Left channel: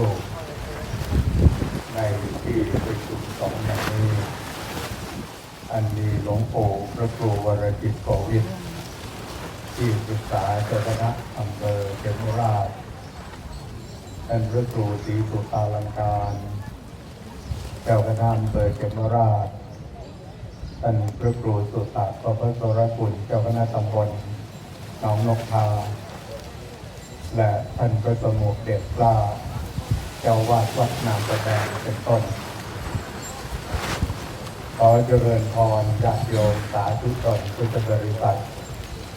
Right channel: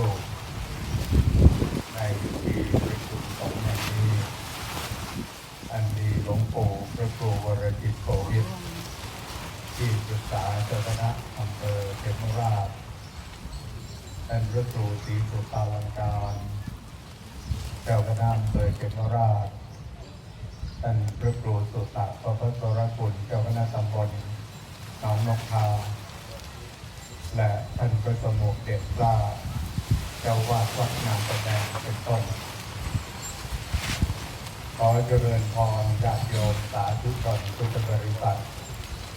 รูปในที่ประชุมสองแห่งนี้ อันมีหลวงปู่พระครูวรจิตโกวิทที่ปรึกษาเจ้าคณะอำเภอเขมราชท่านพระครูศรีสุตาลังการเจ้าคณะอำเภอเขมราชท่านพระครูสุตตะประพัสรกุลเจ้าคณะตำบลหนองนกทาและท่านพระสมุขเด็จกล้า เจ้าวาดวัดนามแสดงเป็นต้นขอเจริญพรญาติโยมสาธุชนพุทธบริษัท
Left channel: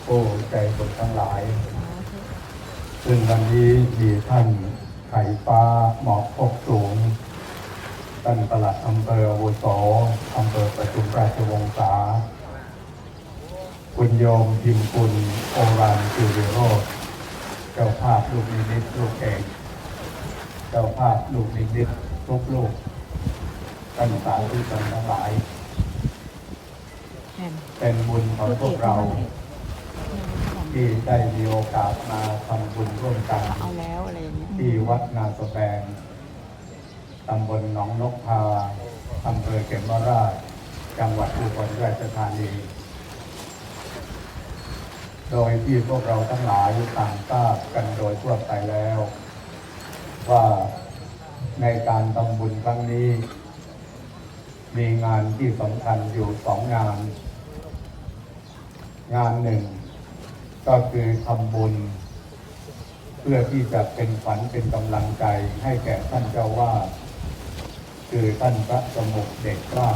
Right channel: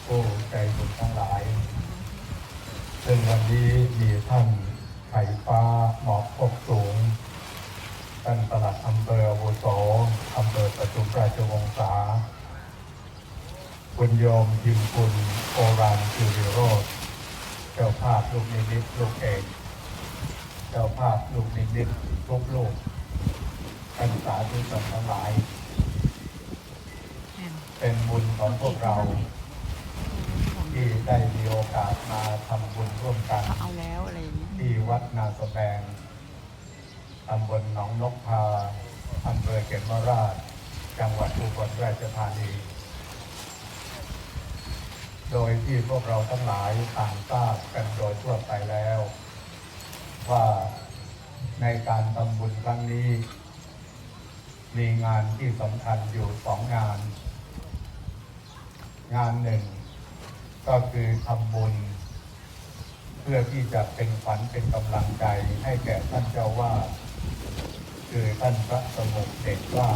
ผู้ใจบุญทั้งหลาย ซึ่งวันนี้มีท่านไข่ฟ้าหมอกพกสูงท่านประหลัดอำเภออาวุโสอำเภอประชุมราชวงศาคุณโยมพิมพุนโอรันคิวริโรธเจ้าภาพลูกนิมิตลูกเอก เจ้าภาพลูกนิมิตทุกลูกท่านสาธุชนทั้งหลายแม่นเป็นบุญของพวกเรา ที่ได้มีโอกาสมาทำบุญร่วมกันเขาเอาแล้วอะไรอย่างเงี้ยที่วัดนาสแบงตำบลหนองนกทาอำเภอเขมราช จังหวัดอุบลราชธานี โดยที่พวกเราทั้งหลายต่างทราบกันโดยทั่วไปแล้ว ว่าในการทำบุญ ครั้งนี้ มีงานที่สำคัญอยู่สองงาน งานหนึ่ง ก็คือทำบุญ เพื่อที่จะเป็นขวัญเป็นกำลังใจให้แก่ท่านเจ้าว่าคือท่านพระสมุขเด็กกล้า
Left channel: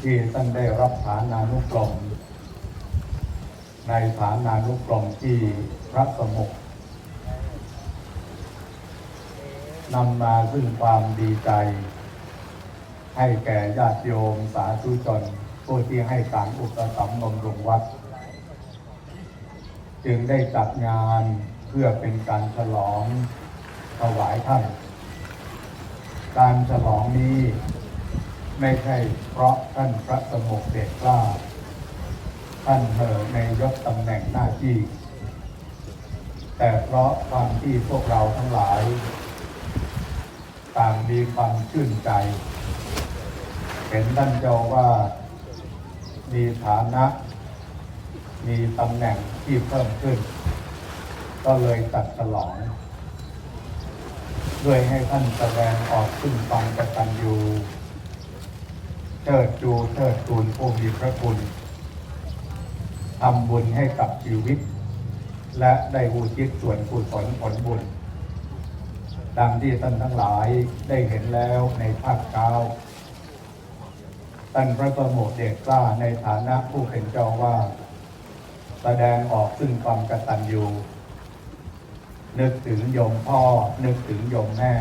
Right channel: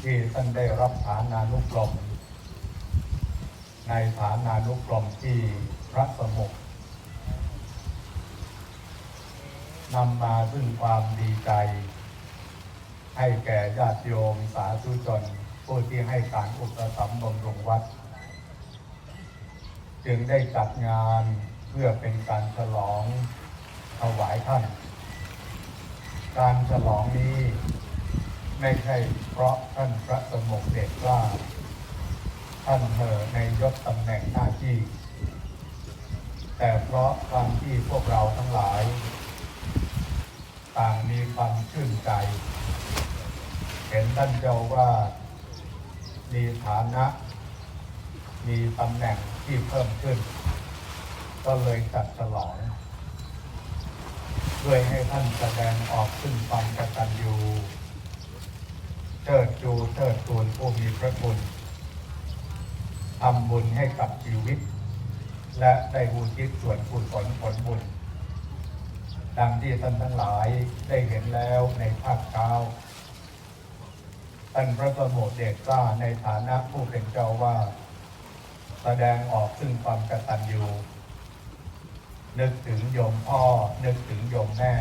ที่ท่านได้รับฐานานุกรมในฐานานุกรมที่พระสมุข นำมาซึ่งความดีใจ ให้แก่ญาติโยมสาธุชนผู้ที่ให้การอุปถัมภ์บำรุงวัด จึงได้จัดงานเพื่อเป็นการฉลองถวายท่าน การฉลองนี้ไม่ใช่เพราะท่านพระสมุขเดชกล้า ท่านเหอในยศตำแหน่งหน้าที่ แต่เพราะความที่พวกเราทั้งหลาย ต่างมีความชื่นใจ เห็นท่านเจ้าว่ามีฐานะ มีตำแหน่งที่เพิ่มขึ้น ก็เลยจัดฉลอง ด้วยให้ท่านแสดงออกซึ่งความกตัญญูเชิดจูเชิดตูนผู้มีพระคุณทำบุญให้กับชีวิต และได้บูชิตส่วนกุศลผลบุญ ดังที่ท่านทั้งหลายได้เห็นแล้วในภาคเช้าท่านพระประโมทเดชกล้าในฐานะผู้เป็นเจ้าว่า แสดงออกซึ่งความกตัญญูนึกถึงโยมพ่อ นึกถึงโยมแม่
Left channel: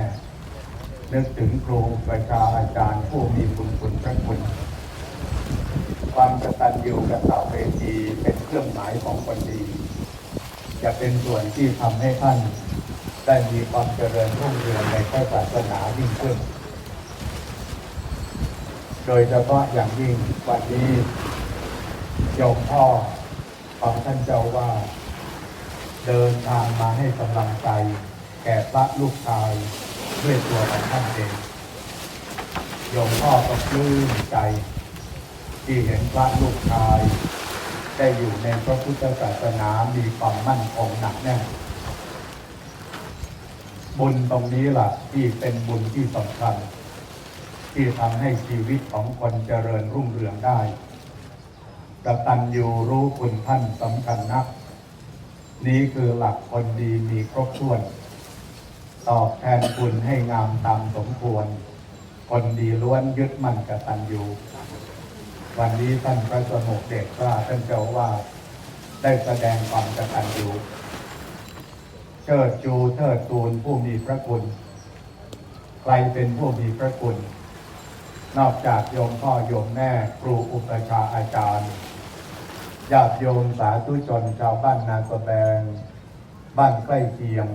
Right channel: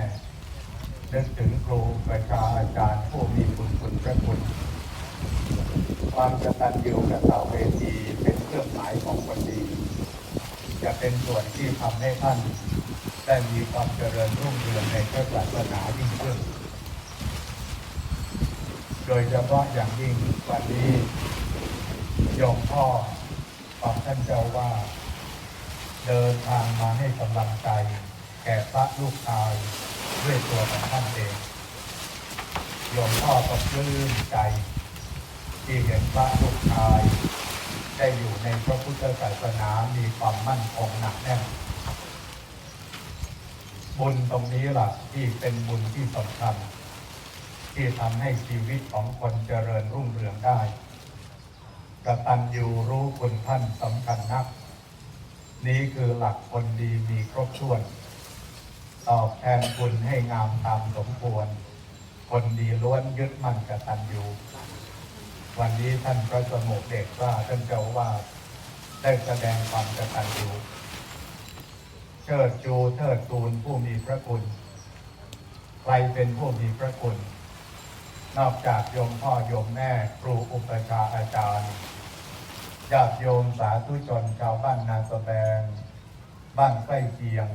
นึกถึงครูประชาอาจารย์ผู้มีคุณคุณพระคุณความกตัญญูกตับเวทีเป็นเครื่องหมายของคนดี จะเป็นส่วนที่ทำให้ท่าน ได้มีความเจริญรุ่งเรืองในพระศาสนายิ่งขึ้น โดยเฉพาะอย่างยิ่งวันนี้ยมพ่อของท่านเจ้าว่า เดินทางมาให้กำลังใจแก่พระลูกชายด้วยตัวของท่านเองโยมพ่อก็ปลื้มใจ ที่เห็นพระลูกชาย ได้อยู่ในพระพุทธศาสนามีความมั่นคงหนักแน่น บุญตรงนี้ล่ะ ที่เป็นบุญที่สำคัญ ที่ทำให้ชีวิตของคนเจริญรุ่งเรืองได้กตัญญูรู้คุณท่านสำคัญนัก นี้คือหลักคนดีมีครบถ้วน ตอบแทนคุณให้งามตามสมควร คนดีล้วนยึดมั่นกตัญญูวันนี้ท่านพระสมุเดชว่าท่านเจ้าว่าได้แสดงความกตัญญู เชิดจูเทิดทูนผู้มีพระคุณ ใครเป็นผู้มีพระคุณ นอกจากโยมพ่อโยมแม่ครูอุปชฌาย์อาจารย์ญาติโยมสาธุชนชาวบ้านนาสแบง บ้านใกล้เคียง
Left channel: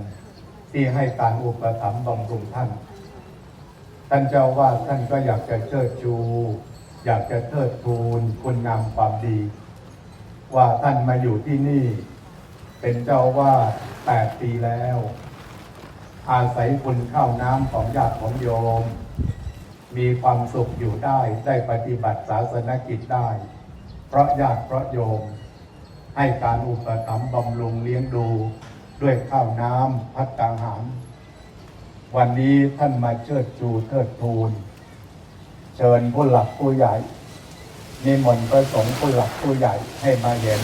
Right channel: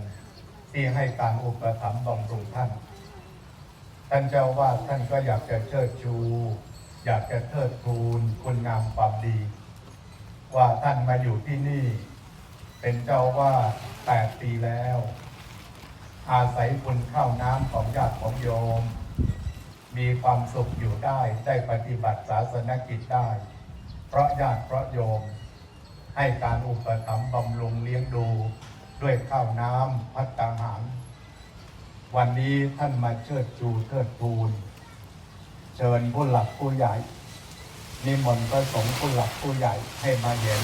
ที่ให้การอุปถัมภ์บำรุงท่าน ท่านเจ้าว่าท่านก็อยากจะเชิดชู อยากจะเทิดทูนคุณงามความดี ว่าท่านมาอยู่ที่นี่ เป็นเจ้าว่าแปดปีแล้ว อาศัยคุณข้าวน้ำของญาติของโยม มีความสุขอยู่ได้ได้ปฏิบัติศาสนกิจได้ เพราะญาติเพราะโยม ให้การอุปถัมภ์บำรุงเลี้ยงดูด้วยข้าวน้ำพัดกังหารวันนี้ท่านมาเชิดชูเทิดทูน เชิญผู้หลักผู้ใหญ่นิมนต์พระสงฆ์ผู้หลักผู้ใหญ่ให้มาเห็น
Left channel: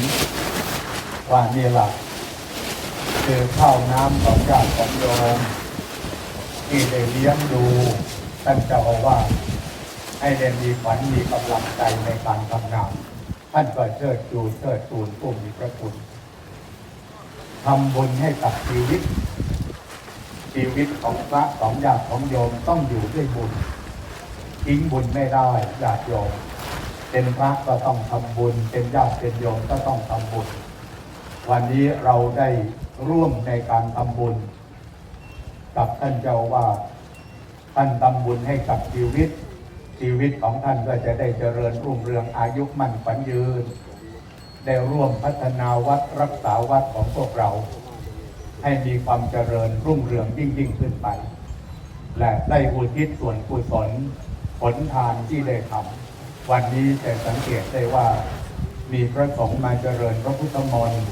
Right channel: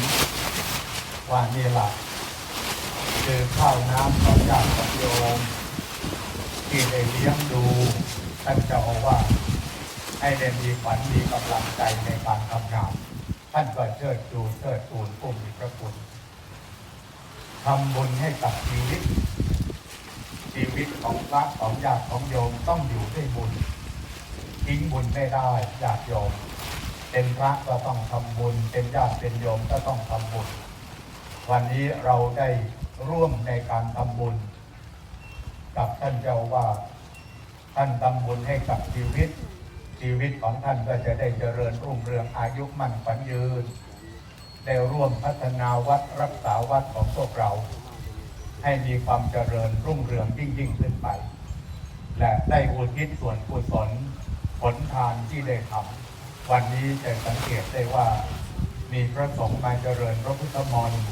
ว่านี่แหละ คือข้าวน้ำของญาติโยมที่ได้เลี้ยงดูท่านเจ้าอาวาให้ได้มีขวัญมีกำลังใจในการทำงานท่านก็เชิดชูเชิดทูนผู้มีพระคุณทำบุญให้กับชีวิต ชีวิตของพระของญาติของโยมต้องอยู่ด้วยบุญทิ้งบุญไม่ได้ญาติโยมเป็นพระก็ต้องทำบุญ เป็นญาติเป็นโยมก็ต้องทำบุญ วันนี้เราได้ ร่วมในการทำบุญ กับท่านเจ้าว่าท่านทำบุญให้กับชีวิต ชีวิตของท่านก็จะได้เจริญรุ่งเรืองอายุมั่นขวัญยืน ได้ร่วมพัฒนาวัดรักษาวัดของพวกเรา ให้มีความเจริญรุ่งเรืองยิ่งยิ่งขึ้นไป และได้อุทิศส่วนกุศลผลทานที่ได้ทำวันนี้จะสังเกตได้ว่ามีพระสงฆ์มาเจริญพระพุทธมนต์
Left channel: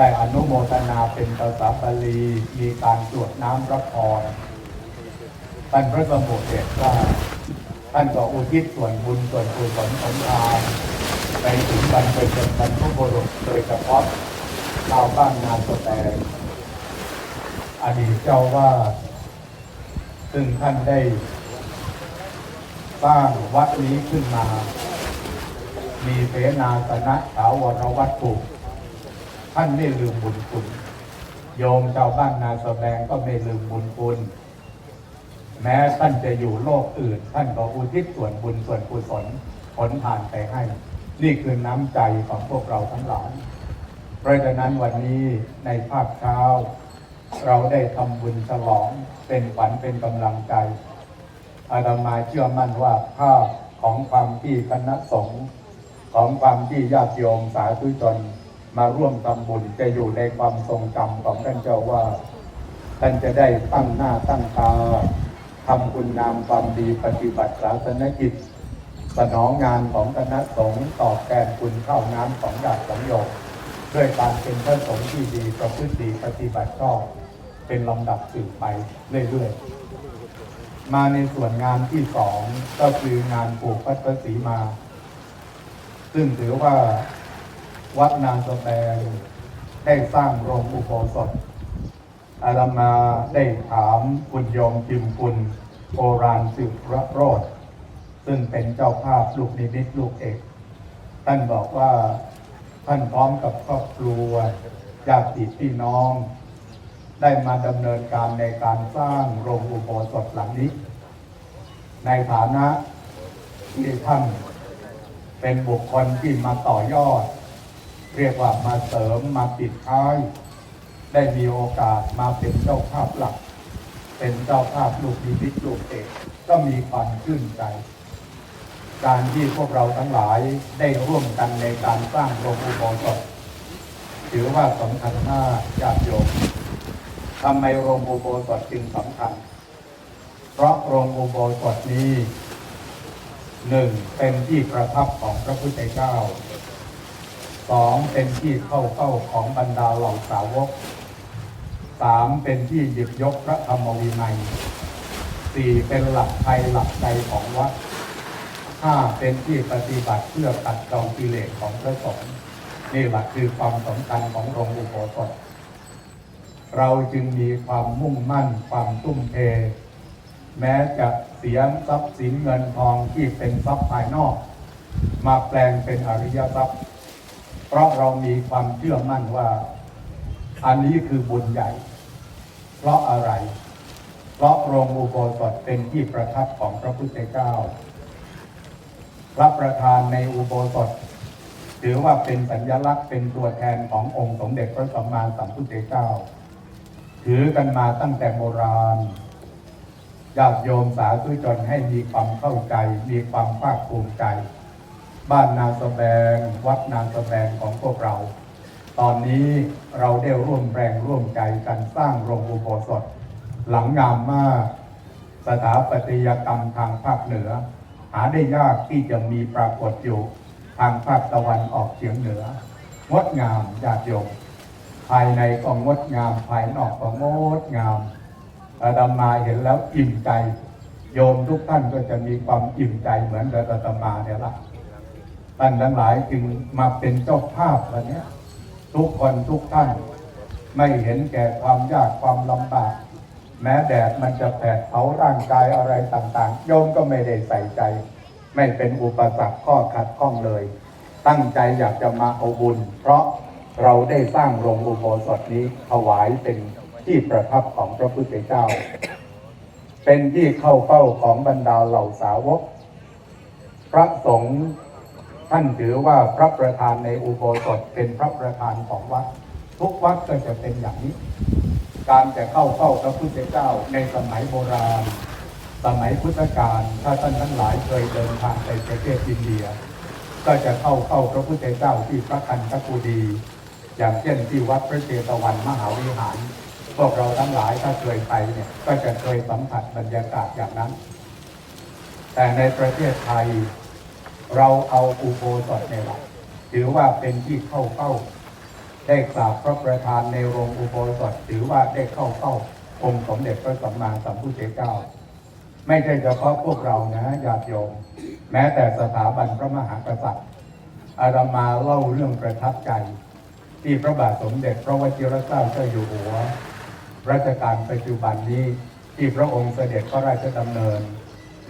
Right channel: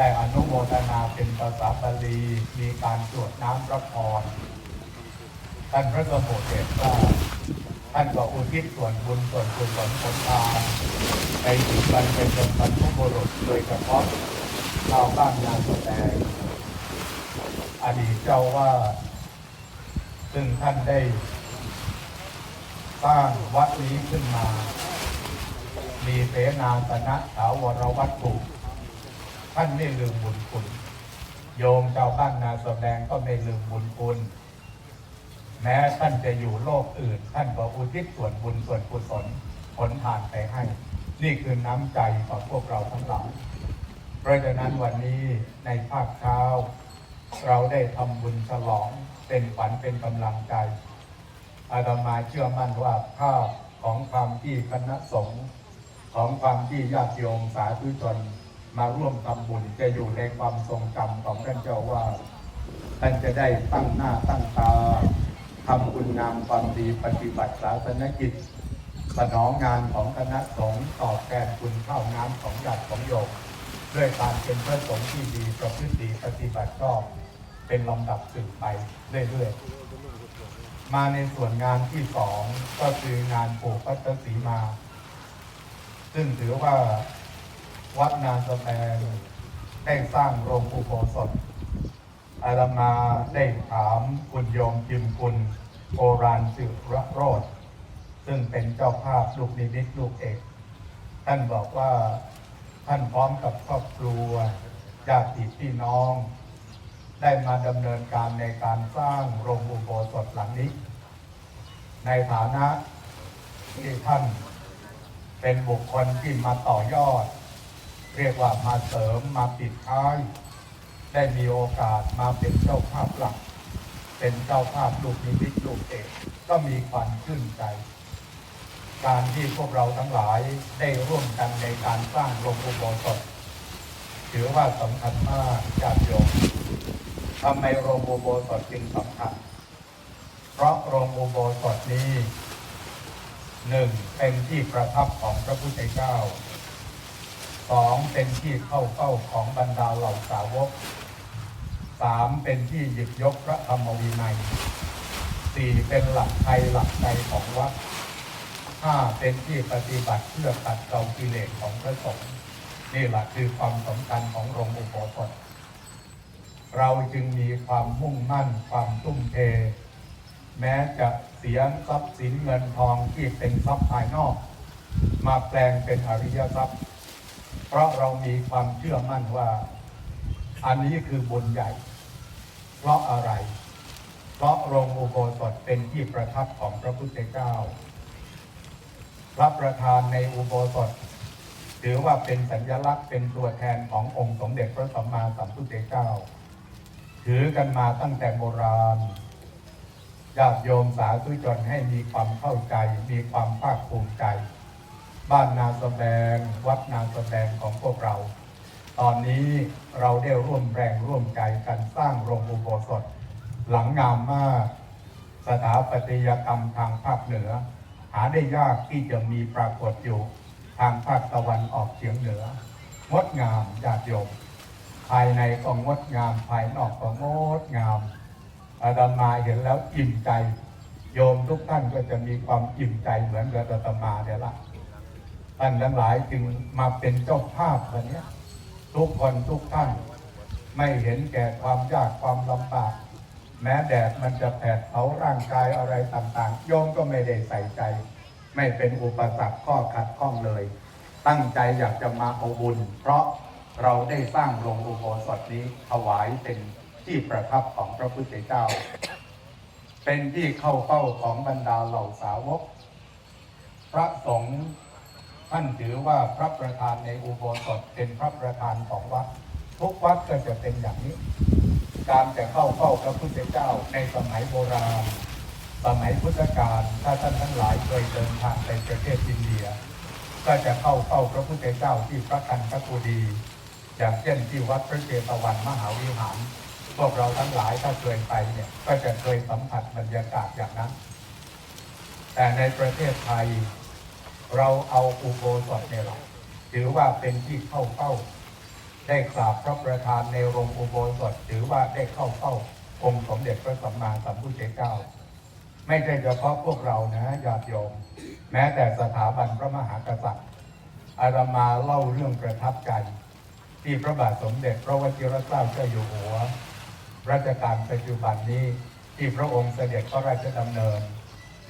ได้อนุโมทนาเป็นภาษาบาลีมีการสวดน้ำพระพรท่านพระสมุเดชว่าท่านก็อุทิศส่วนบุญส่วนกุศลของทานไปถึงการเป็นบรรพบุรุษโดยเฉพาะชาวบ้านงานสแตงอดีตเจ้าว่าซึ่งท่านได้สร้างวัดนี้ขึ้นมา มีเสนาสนะถาวรวัตถุ ท่านไม่ลืมบุญคุณโยมชาวบ้านนาสแบงก็ไม่ลืมบุญคุณ แม้ท่านจะอยู่โลกอื่น ท่านก็อุทิศส่วนบุญส่วนกุศลผลทานไปให้ นี่คือน้ำใจของพวกเราทั้งหลายเพราะฉะนั้นวันนี้ในภาคเช้า เราได้ทำบุญฉลองเป็นขวัญเป็นกำลังใจอาตมาเชื่อมั่นว่าภาพของความที่คณะสงฆ์ของความที่ญาติโยมสาธุชน มาร่วมทำบุญจะอยู่ในความทรงจำของท่านเจ้าว่า ท่านจะได้ตั้งหน้าตั้งตาทำคุณงามความดีปฏิบัติศาสนกิจ สนองงานของคณะสงฆ์ตอบแทนคุณข้าวน้ำของญาติของโยมด้วยการเป็นพระสงฆ์ที่ดีประพฤติดีปฏิบัติชอบเป็นลำดับสืบไปเรื่อยๆ มาในส่วนงานที่สองก็คืองานปลูกพัตสีมา ซึ่งถือว่า วัดนาสแตงได้สร้างโรงอุโบสถอาตมาได้ถามคุณยมพิมคุณโอรานสิระโรธซึ่งเป็นเจ้าภาพลูกนิมิตลูกเอก ท่านบอกว่าท่านพร้อมกับครอบครัวญาติพี่น้อง ได้มาดำเนินการในการสร้างโรงอุโบสถหลังนี้ ในฐานะที่ท่านเป็นบุคคลที่มาต่อยอด เรียกว่ามาเสริมมาปิดท้าย ได้มีโอกาสมาเป็นเจ้าภาพหลัก เป็นเจ้าภาพลูกนิมิตลูกเอกก็มีความชื่นใจ การที่พวกเราทั้งหลายได้ร่วมกันในการสร้างโรงอุโบสถถือว่าสำคัญมากญาติโยมทำไมโรงอุโบสถจึงสำคัญ เพราะโรงอุโบสถนี้หนึ่งเป็นที่ประทับของพระพุทธเจ้า สองเป็นที่เข้าเข้าของบรรดาเหล่าสาวกสามเป็นที่หยิบยกพระธรรมวินัยสี่เป็นหลักไทยหลักใจของวัดห้าเป็นที่ปฏิบัติเพื่อตัดเกากิเลสของพระสงฆ์นี่แหละคือความสำคัญของโรงอุโบสถเราจึงมีความมุ่งมั่นความทุ่มเท แม้จะเสียทรัพย์สินเงินทองที่เป็นทรัพย์ภายนอก มาแปลงเป็นอริยทรัพย์ เพราะเรามีความเชื่อมั่นว่า อันนี้คือบุญใหญ่ เพราะอะไร เพราะโรงอุโบสถเป็นที่ประทับของพระพุทธเจ้า พระประธานในอุโบสถถือว่าเป็นสัญลักษณ์เป็นตัวแทนขององค์สมเด็จพระสัมมาสัมพุทธเจ้า ถือกันมาตั้งแต่โบราณญาติโยมสาธุชนให้มีความเข้าใจ มีความภาคภูมิใจ บ้านนาสแบง วัดนาสแบงของพวกเรา ตอนนี้เราได้ร่วมแรงร่วมใจกันสร้างโรงอุโบสถ หลังงามมากสถาปัตยกรรมทางภาคเหนือ หาได้ยากที่จะมีปรากฏอยู่ทางภาคตะวันออกเฉียงเหนืองดงามญาติโยมภายในก็งดงาม ภายนอกก็งดงามอาตมาเห็นแล้วอิ่มใจ โยมทุกท่านก็จะมีความอิ่มใจเหมือนกับอาตมาเนี่ยละ ท่านทั้งหลายจึงมาเป็นเจ้าภาพวันนี้ทุกคนทุกท่าน ไม่เห็นแก่ความยากความลำบาก แม้แดดมันจะแผดเผาร่างกายอะไรต่างๆโยมก็ไม่ได้ใส่ใจ ไม่เป็นอุปสรรคข้อขัดข้องเลย ตั้งใจอยากจะมาเอาบุญ เพราะเราได้สร้างโรงอุโบสถนี้ถวายเป็นที่ประทับของพระพุทธเจ้า เป็นที่เข้าเฝ้าของบรรดาเหล่าสาวก พระสงฆ์ ท่านถือว่าพระประธานในอุโบสถเป็นพระประธานของวัด ทุกวัดก็จะเป็นอย่างนี้ การจะเข้าเฝ้าพระพุทธเจ้าในสมัยโบราณ สมัยพุทธกาลถ้าท่านทั้งหลายเคยเดินทางไปประเทศอินเดีย ก็จะเข้าเฝ้าพระพุทธเจ้าที่พระคันธกุฎีอย่างเช่นที่วัดพระเจตวันมหาวิหารพวกเราทั้งหลายถ้าเคยไปเนี่ยก็จะเคยสัมผัสบรรยากาศอย่างนั้น แต่ในประเทศไทย เราเอาอุโบสถเนี่ยแหละถือว่าเป็นที่เข้าเฝ้า ได้กราบพระประธานในโรงอุโบสถถือว่าได้เข้าเฝ้าองค์สมเด็จพระสัมมาสัมพุทธเจ้า ไม่ใช่เฉพาะพวกเรานะญาติโยม แม้แต่สถาบันพระมหากษัตริย์ อาตมาเล่าเรื่องประทับใจ ที่พระบาทสมเด็จพระวชิรเกล้าเจ้าอยู่หัวรัชกาลปัจจุบันนี้ที่พระองค์เสด็จพระราชดำเนิน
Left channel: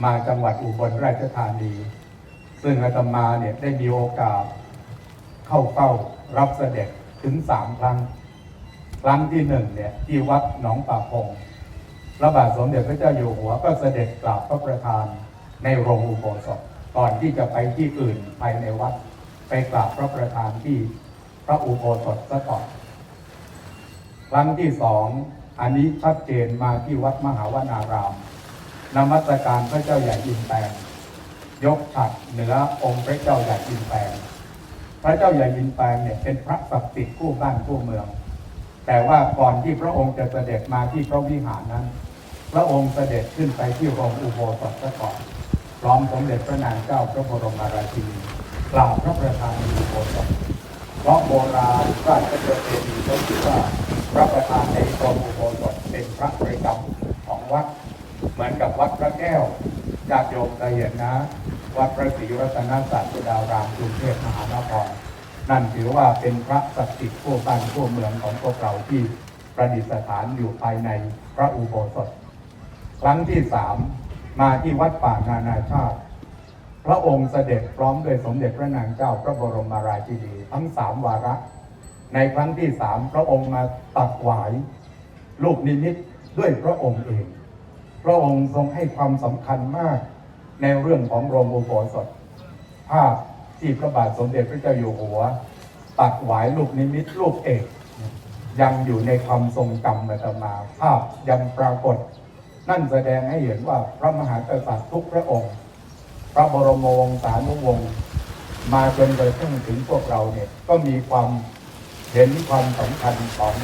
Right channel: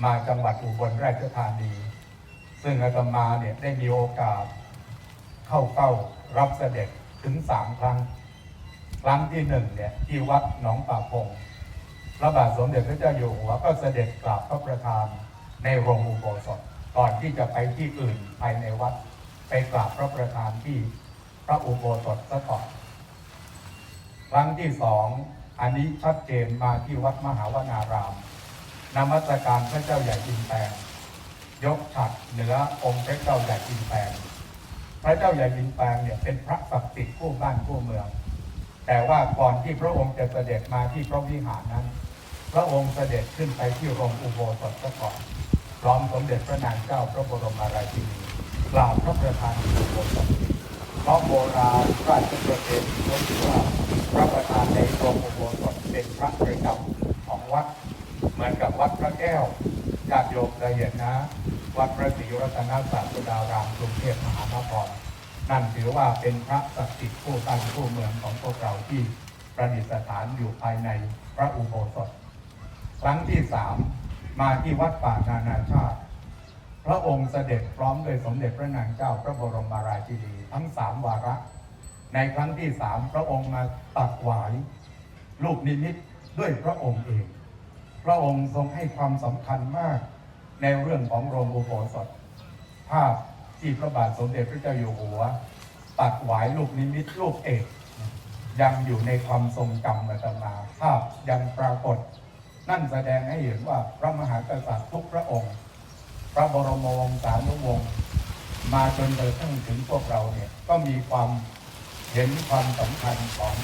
มาจังหวัดอุบลราชธานี ซึ่งอาตมาเนี่ยได้มีโอกาส เข้าเฝ้ารับเสด็จถึงสามครั้ง ครั้งที่หนึ่งเนี่ยที่วัดหนองป่าพงพระบาทสมเด็จพระเจ้าอยู่หัวก็เสด็จกราบพระประธานในโรงอุโบสถก่อนที่จะไปที่อื่นภายในวัด ไปกราบพระประธานที่พระอุโบสถซะก่อนครั้งที่สองอันนี้ชัดเจนมาที่วัดมหาวนารามนมัสการพระเจ้าใหญ่อินแปง ยกฉัดเหนือองค์พระเจ้าใหญ่อินแปงพระเจ้าใหญ่อินแปงเนี่ยเป็นพระศักดิ์สิทธิ์ผู้บ้านผู้เมือง แต่ว่าก่อนที่พระองค์จะเสด็จมาที่พระวิหารนั้น พระองค์เสด็จขึ้นไปที่โรงอุโบสถซะก่อนพร้อมสมเด็จพระนางเจ้าพระบรมราชินีกราบพระประธานอุโบสถเพราะโบราณราชประเพณีก็คือว่าพระประธานในโรงอุโบสถเป็นพระประจำของวัดเหมือนกับวัดพระแก้ว ญาติโยมเคยเห็นนะ วัดพระศรีรัตนศาสดารามกรุงเทพมหานครนั่นถือว่าเป็นพระศักดิ์สิทธิ์ผู้บ้านผู้เมืองของพวกเราที่ประดิษฐานอยู่ภายในพระอุโบสถ ครั้งที่สามมาที่วัดป่านานาชาติ พระองค์เสด็จพร้อมด้วยสมเด็จพระนางเจ้าพระบรมราชินีทั้งสามวาระ ในครั้งที่สามพระองค์มาตัดหวาย ลูกนิมิตด้วยพระองค์เอง ระองค์ทรงให้ความสำคัญมาก ในเรื่องของโรงอุโบสถภาพที่พระบาทสมเด็จพระเจ้าอยู่หัว ตัดหวายลูกนิมิตลูกเอก ยังอยู่ในความทรงจำอาตมา ภาพยังปรากฏ นั่นแสดงให้เห็นว่าพระมหากษัตริย์ทุกพระองค์ พระบรมวงศานุวงศ์มาจนกระทั่งถึงพวกเราเนี่ยก็มีความเห็นความสำคัญของ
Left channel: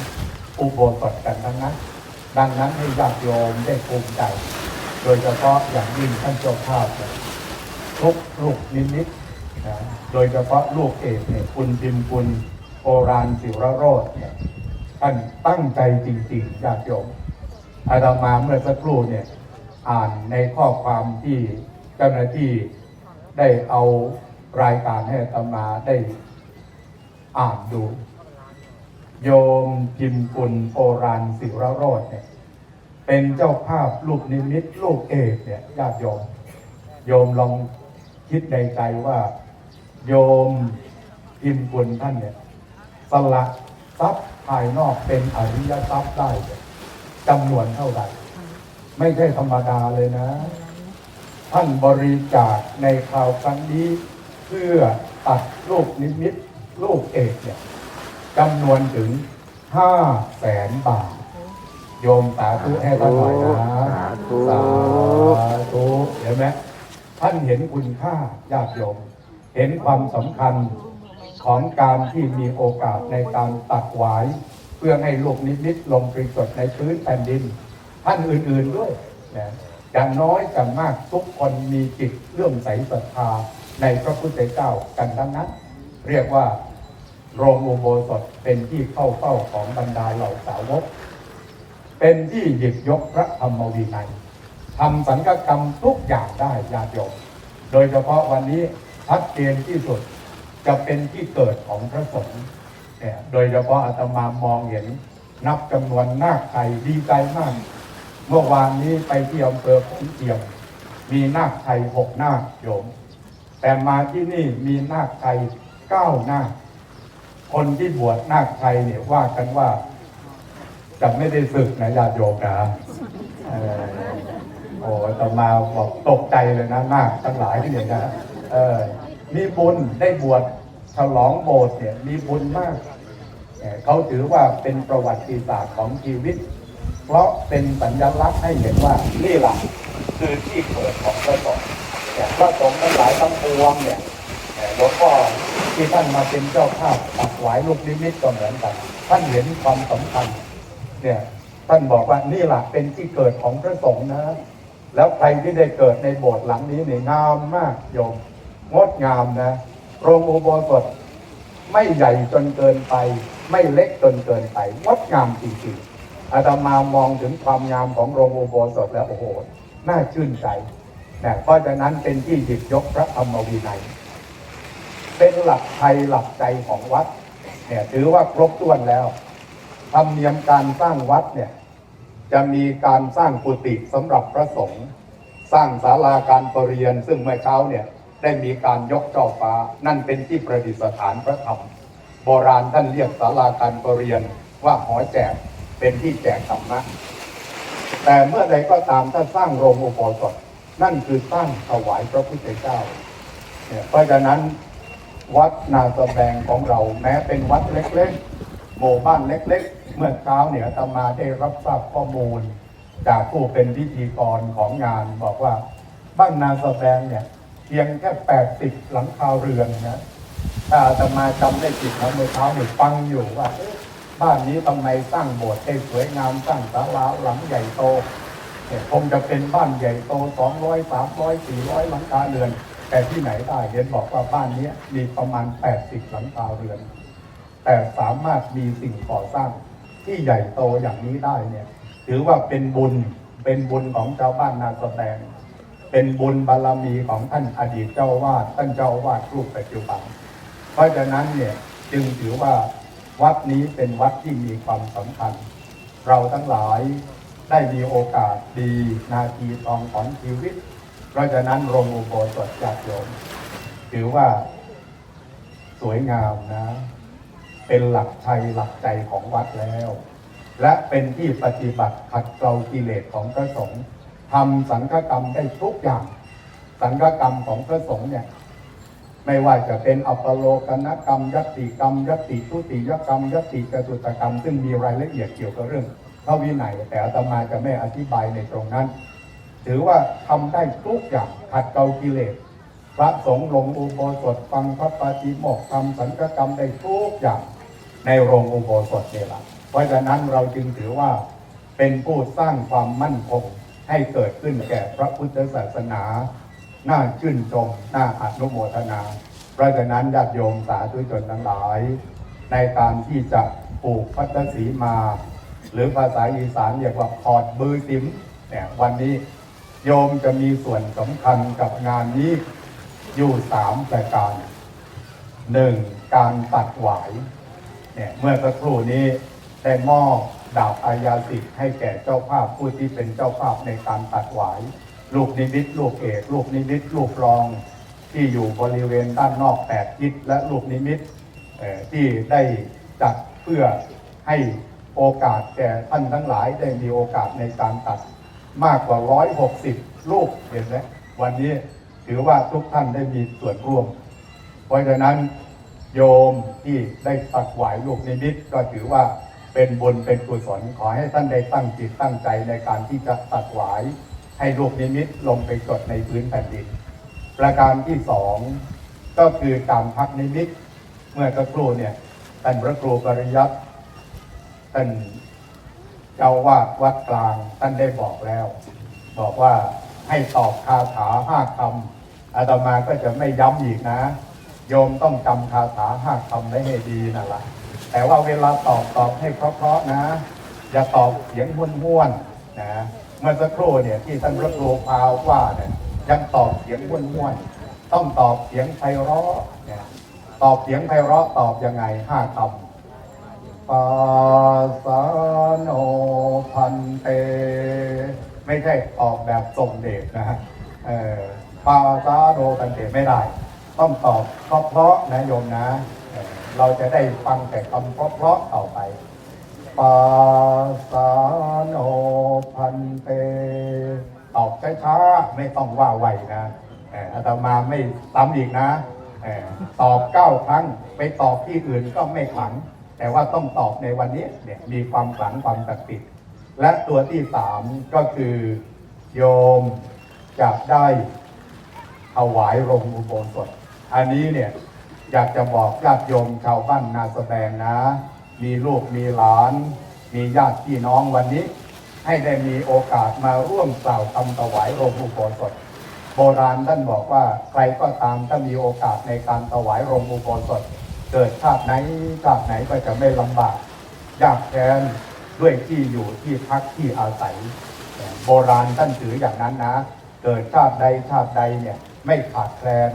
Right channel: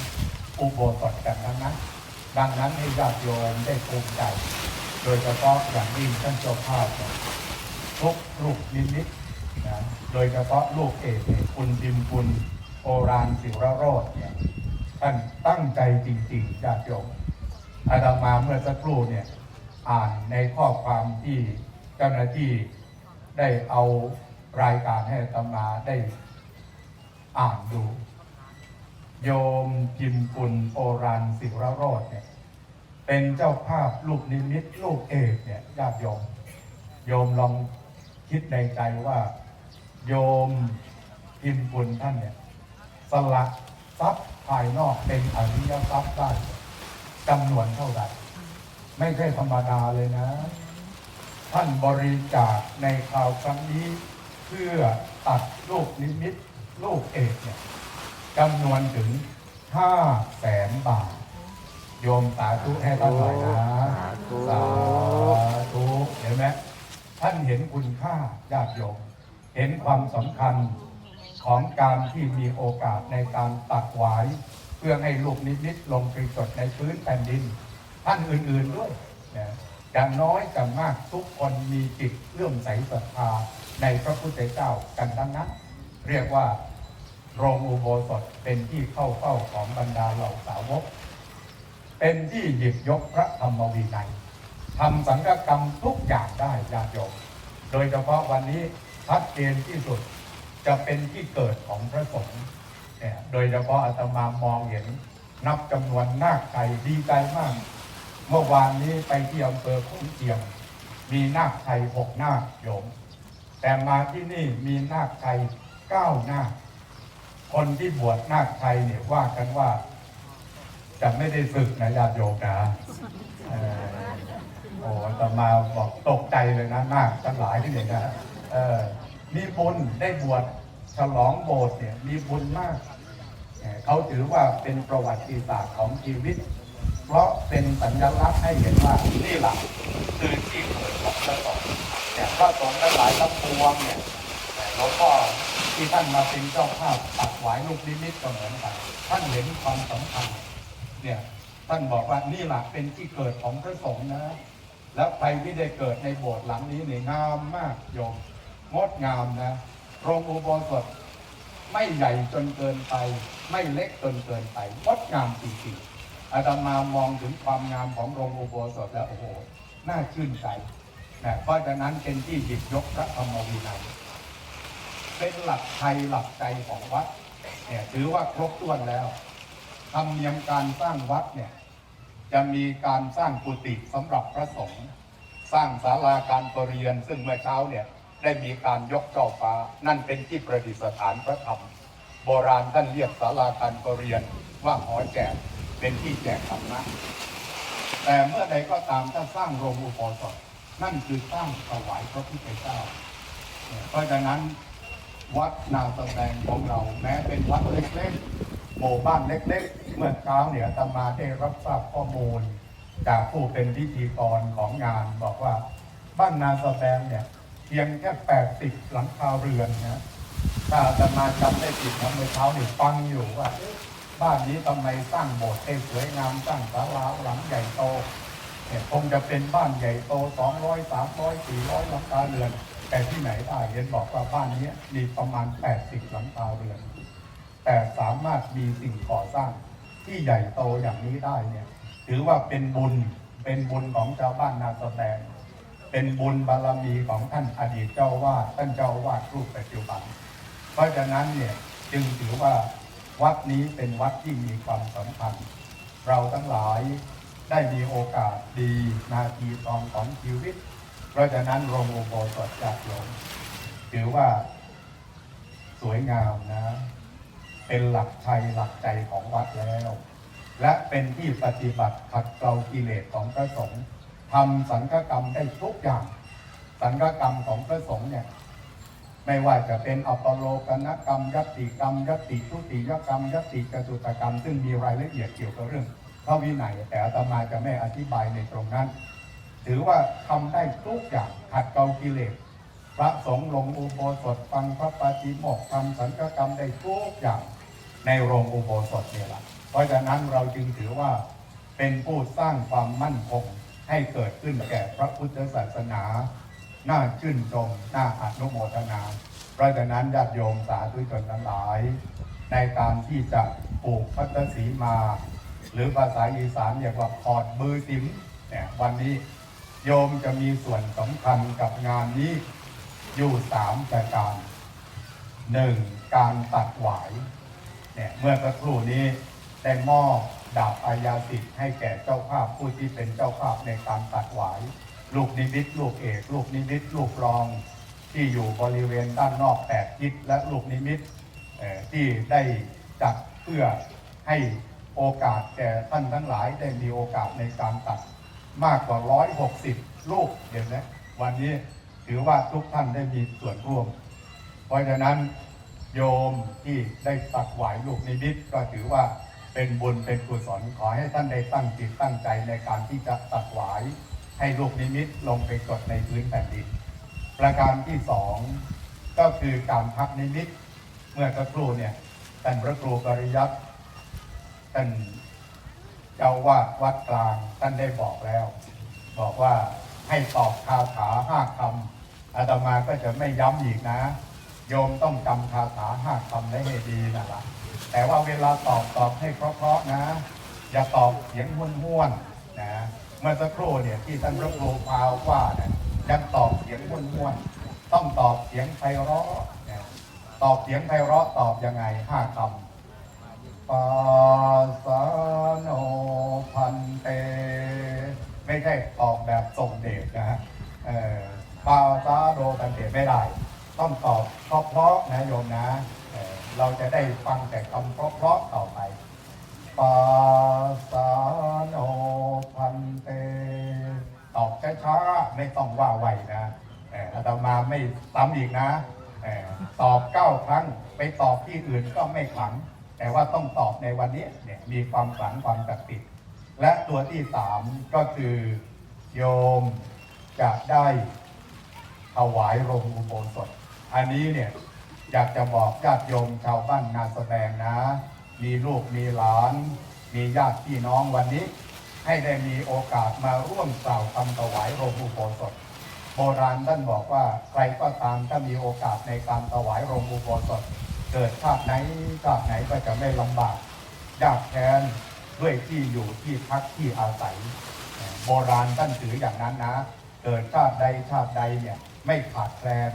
อุโบสถกันทั้งนั้น ดังนั้นให้ญาติโยมได้ภูมิใจ โดยเฉพาะอย่างยิ่งท่านเจ้าภาพทุกลูกนิมิตนะโดยเฉพาะลูกเอกเนี่ยคุณพิมพ์คุณโอรานสิวรโรธเนี่ยท่านตั้งใจจริงๆญาติโยมอาตมาเมื่อสักครู่เนี่ยอ่านในข้อความที่เจ้าหน้าที่ได้เอารายการให้อาตมาได้อ่านดู โยมจิมกุลโอรานสิรโรธเนี่ยเป็นเจ้าภาพลูกนิมิตลูกเอกเนี่ยญาติโยม โยมลองคิดในใจว่า โยมจิมกุลท่านเนี่ยสละทรัพย์ภายนอกเป็นอริยทรัพย์ได้จำนวนเท่าไหร่ ไม่ใช่ธรรมดาเลยนะ ท่านบริจาคในคราวครั้งนี้ เพื่อตัดลูกนิมิตลูกเอกเนี่ย จำนวนถึงห้าแสนบาท โยมสาธุให้ท่านหน่อยนะสาธุสาธุเห็นไหมท่านเห็นคุณค่าญาติโยม เห็นความสำคัญของการที่มีโอกาสในการตัดหวาย เพื่อให้ลูกนิมิตลงไปจดในพื้นแผ่นดิน ท่านอื่นๆด้วยนะอย่างน้อยกันมากทุกคนมีจิตเลื่อมใสศรัทธาในพระพุทธเจ้ากันทั้งนั้น เรียกว่า โรงอุโบสถเป็นที่เข้าเฝ้าของบรรดาเหล่าสาวก เป็นที่หยิบยกพระธรรมวินัยทำสังฆกรรมทุกอย่างได้ญาติโยมโดยเฉพาะวันนี้ชัดเจนที่สุดจะเป็นที่เกิดของพระสงฆ์เนี่ยโดยเฉพาะอาตมามองเห็นนับจำนวนนาคไทยดีใจมาก เมื่อวานนี้ไปที่อำเภอขุนเจียม มีนาคไทยหกนาคโยม แต่มาที่นี่มีนาคไทยเก้านาค คนที่บวชนาคไทยเนี่ยว่ากันว่า จะไม่ได้ศึกนะญาติโยมนะโอ้ต่มาบอกตกใจเลยนะนาคทั้งหลายที่เนี่ยนะเออมีบุญได้บวชฉลองโบสถ์เนี่ยมีบุญมากเขาถือว่าเป็นประวัติศาสตร์ของชีวิต เพราะเป็นสัญลักษณ์ให้เห็นว่านี่แหละคือที่เกิดของพระสงฆ์พระสงฆ์ทั้งหลายทั้งปวงเนี่ยหลวงพ่อ ที่ท่านมาเป็นเจ้าภาพตักหวายลูกนิมิตก็เหมือนกัน ท่านเห็นความสำคัญเนี่ยท่านบอกว่านี่แหละเป็นที่เกิดของพระสงฆ์นะแล้วใครที่ได้เกิดในโบสถ์หลังนี้เนี่ยงามมากโยมงดงามนะโรงอุโบสถไม่ใหญ่จนเกินไป ไม่เล็กจนเกินไปงดงามจริงๆอาตมามองถึงความงามของโรงอุโบสถแล้วโอ้โหน่าชื่นใจนะเพราะฉะนั้นเป็นที่หยิบยกพระธรรมวินัย เป็นหลักไทยหลักใจของวัดเนี่ยถือว่าครบถ้วนแล้วธรรมเนียมการสร้างวัดเนี่ยจะมีการสร้างกุฏิสำหรับพระสงฆ์สร้างศาลาการประเรียน ซึ่งเมื่อเช้าเนี่ยได้มีการยกช่อฟ้า นั่นเป็นที่ประดิษฐานพระธรรม โบราณท่านเรียกศาลาการประเรียนว่าหอแจกเป็นที่แจกธรรมะแต่เมื่อใดก็ตามถ้าสร้างโรงอุโบสถนั่นคือตั้างถวายพระพุทธเจ้าเนี่ยเพราะฉะนั้น วัดนาสแบงของเราแม้เป็นวัดเล็กๆหมู่บ้านเล็ก ๆ เมื่อเช้าเนี่ยตมาได้รับทราบข้อมูล จากผู้เป็นพิธีกรของงานบอกว่าบ้านนาสแบงเนี่ยเพียงแค่ 80 หลังคาเรือนนะถ้าตมาจำได้ผิดนะเมื่อเช้าหนึ่ฟังอยู่ว่า บ้านนี้ทำไมสร้างโบสถ์ให้สวยงามสร้างศาลาหลังใหญ่โตคงจะเป็นบ้านใหญ่โต 200 300 400 หลังคาเรือน แต่ที่ไหนได้เห็นบอกว่าบ้านนี้มีประมาณ 80 หลังคาเรือน แต่สามารถมีสิ่งก่อสร้างที่ใหญ่โตอย่างนี้ได้เนี่ยถือว่าเป็นบุญเป็นบุญของชาวบ้านนาสแบงเป็นบุญบารมีของท่านอดีตเจ้าวาดท่านเจ้าวาดรูปปัจจุบัน เพราะฉะนั้นเนี่ยจึงถือว่าวัดนี้เป็นวัดที่มีความสำคัญ เราทั้งหลายได้มีโอกาสดีนาทีทองของชีวิต เพราะฉะนั้นโรงอุโบสถจัดโยมถือว่าสวยงามนะ เป็นหลักชัยหลักใจของวัดแล้ว และเป็นที่ปฏิบัติขัดเกลากิเลสของพระสงฆ์ทำสังฆกรรมได้ทุกอย่าง สังฆกรรมของพระสงฆ์เนี่ยไม่ว่าจะเป็นอัปโลกนกรรมยัตติกรรมยัตติทุติยกรรมยัตติกสุตกรรม ซึ่งมีรายละเอียดเกี่ยวกับเรื่องพระวินัยแต่อาตมาจะไม่อธิบายในตรงนั้น ถือว่าทำได้ทุกอย่างขัดเกลากิเลส พระสงฆ์ลงอุโบสถฟังพระปาฏิโมกข์ทำสังฆกรรมได้ทุกอย่างในโรงอุโบสถเนี่ยละเพราะฉะนั้นเราจึงถือว่าเป็นผู้สร้างความมั่นคงให้เกิดขึ้นแก่พระพุทธศาสนา น่าชื่นชม น่าอนุโมทนา เพราะฉะนั้นญาติโยมสาธุชนทั้งหลาย ในการที่จะปลูกพัฒสีมา หรือภาษาอีสานเรียกว่าพอดมือติ๋มเนี่ยวันนี้ โยมจะมีส่วนสำคัญกับงานนี้อยู่สามประการหนึ่งการตัดหวายเนี่ยเมื่อสักครู่นี้ได้มอบดาบอายาสิทธิ์ให้แก่เจ้าภาพผู้ที่เป็นเจ้าภาพในการตัดหวายลูกนิมิตลูกเอกลูกนิมิตลูกรอง ที่อยู่บริเวณด้านนอกแปดทิศและลูกนิมิตที่ได้จัดเพื่อให้โอกาสแก่ท่านทั้งหลายได้มีโอกาสในการตัด มากกว่า 160ลูกเห็นไหมวันนี้ถือว่าทุกท่านได้มีส่วนร่วม เพราะฉะนั้นโยมที่ได้ตัดหวายลูกนิมิตก็ถือว่าเป็นบุญเป็นกุศลขอให้ท่านได้ตั้งจิตตั้งใจในการที่จะตัดหวาย ให้ลูกนิมิตลงไปจดในพื้นแผ่นดิน ประการที่สองก็คือการพักนิมิต เมื่อสักครู่เนี่ยท่านพระครูปริยัติท่าน เจ้าวาดวัดกลางท่านได้บอกแล้ว บอกว่าให้ตอบคาถาห้าคำอาตมาก็จะไม่ย้ำอีกนะ โยมต้องจำคาถาห้าคำไว้ให้ดีนั่นแหละแต่ว่าเวลาตอบตอบให้เพราะๆนะ อย่าตอบเสียงห้วนๆนะเมื่อสักครู่เนี่ยที่ท่านพระครูพาวว่าเนี่ยยังตอบเสียงห้วนๆต้องตอบเสียงไพเราะตอบเสียงไพเราะตอบยังไงห้าคำ ปาสาโนพันเต ไม่ใช่ออกแบบทรงเดชนะฮะปาสาโนพันเตไม่ได้ ต้องตอบเพราะๆนะโยมนะเเราจะได้ฟังแต่คำเพราะๆต่อไปปาสาโนพันเต ตอบช้าๆไม่ต้องว่าไวนะอาตมาไม่ซ้ำอีกนะอตอบเก้าครั้ง ไปตอบที่อื่นก็ไม่ขลัง แต่ว่าต้องตอบในวันนี้เนี่ยมีความขลังความศักดิ์สิทธิ์และตัวที่สามก็คือโยมจะได้ถวายโรงอุโบสถ อันนี้เนี่ยอยากจะบอกญาติโยมชาวบ้านนาสแสดงนะ มีลูกมีหลาน มีญาติพี่น้องวันนี้ ให้ได้มีโอกาสมาร่วมกล่าวคำถวายโรงอุโบสถ โบราณท่านบอกว่าใครก็ตามถ้ามีโอกาสในการถวายโรงอุโบสถ เกิดชาติไหนชาติไหนก็จะไม่ลำบากยากแค้นด้วยที่อยู่ที่พักที่อาศัย โบราณท่านถืออย่างนั้นนะ เกิดชาติใดชาติใดเนี่ยไม่ขาดแคลน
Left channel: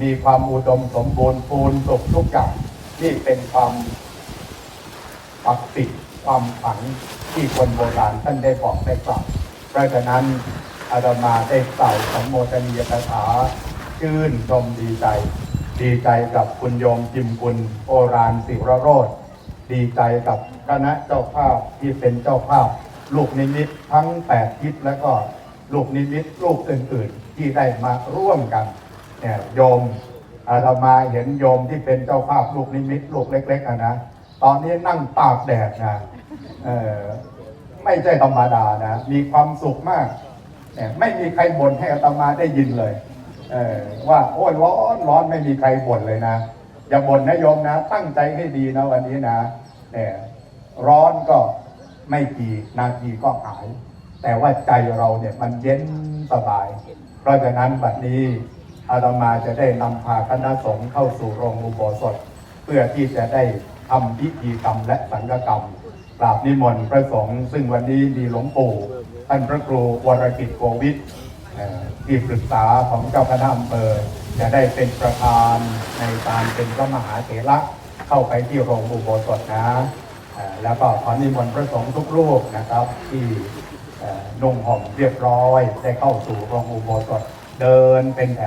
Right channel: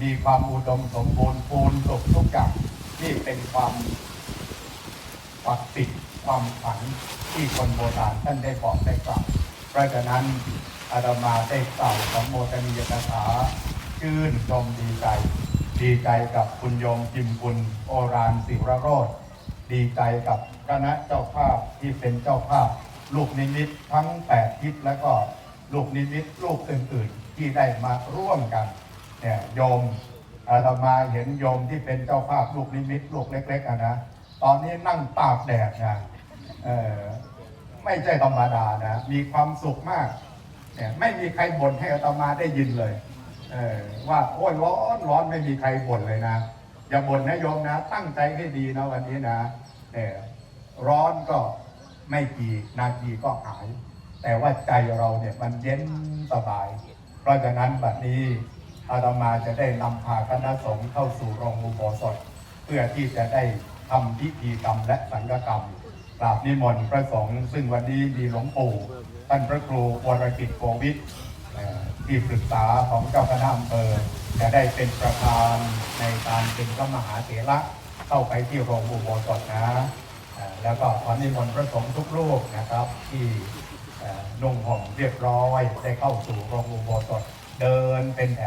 มีความอุดมสมบูรณ์พูนสุขทุกอย่างนี่เป็นความปักติดความฝันที่คนโบราณท่านได้บอกได้กล่าวเพราะฉะนั้นอาตมาได้กล่าวสัมโมทนียกถาชื่นชมดีใจ ดีใจกับคุณยมจิมกุลโอรานสิรโรธดีใจกับคณะเจ้าภาพที่เป็นเจ้าภาพ ลูกนิมิตทั้งแปดทิศแล้วก็ลูกนิมิตลูกอื่นๆ ที่ได้มาร่วมกันเนี่ยโยมอาตมาเห็นโยมที่เป็นเจ้าภาพลูกนิมิตลูกเล็กๆอะนะตอนนี้นั่งตากแดดนะเออไม่ใช่ธรรมดานะ มีความสุขมากเนี่ยไม่มีใครบ่นให้อาตมาได้ยินเลย ว่าโอ้ยร้อนร้อนไม่มีใครบ่นเลยนะ อย่าบ่นนะโยมนะ ตั้งใจให้ดีนะวันนี้นะเนี่ยร้อนก็ไม่กี่นาทีก็หาย แต่ว่าใจเราเนี่ยมันเย็นสบาย เพราะฉะนั้นบัดนี้อาตมาจะได้นำพาคณะสงฆ์เข้าสู่โรงอุโบสถ เพื่อที่จะได้ทำพิธีกรรมและสังฆกรรมกราบนิมนต์พระสงฆ์ซึ่งวันนี้มีหลวงปู่ท่านพระครูวรกิจโกวิทเอ่อ ที่ปรึกษาของเจ้าคณะอำเภอจะได้เป็นประธานในการเป็นพระมหาเถระเข้าไปที่โรงอุโบสถนะแล้วก็ขอนิมนต์พระสงฆ์ทุกรูปนะครับ ที่นุ่งห่มเรียบร้อยได้เข้าสู่โรงอุโบสถเดินเป็นแถว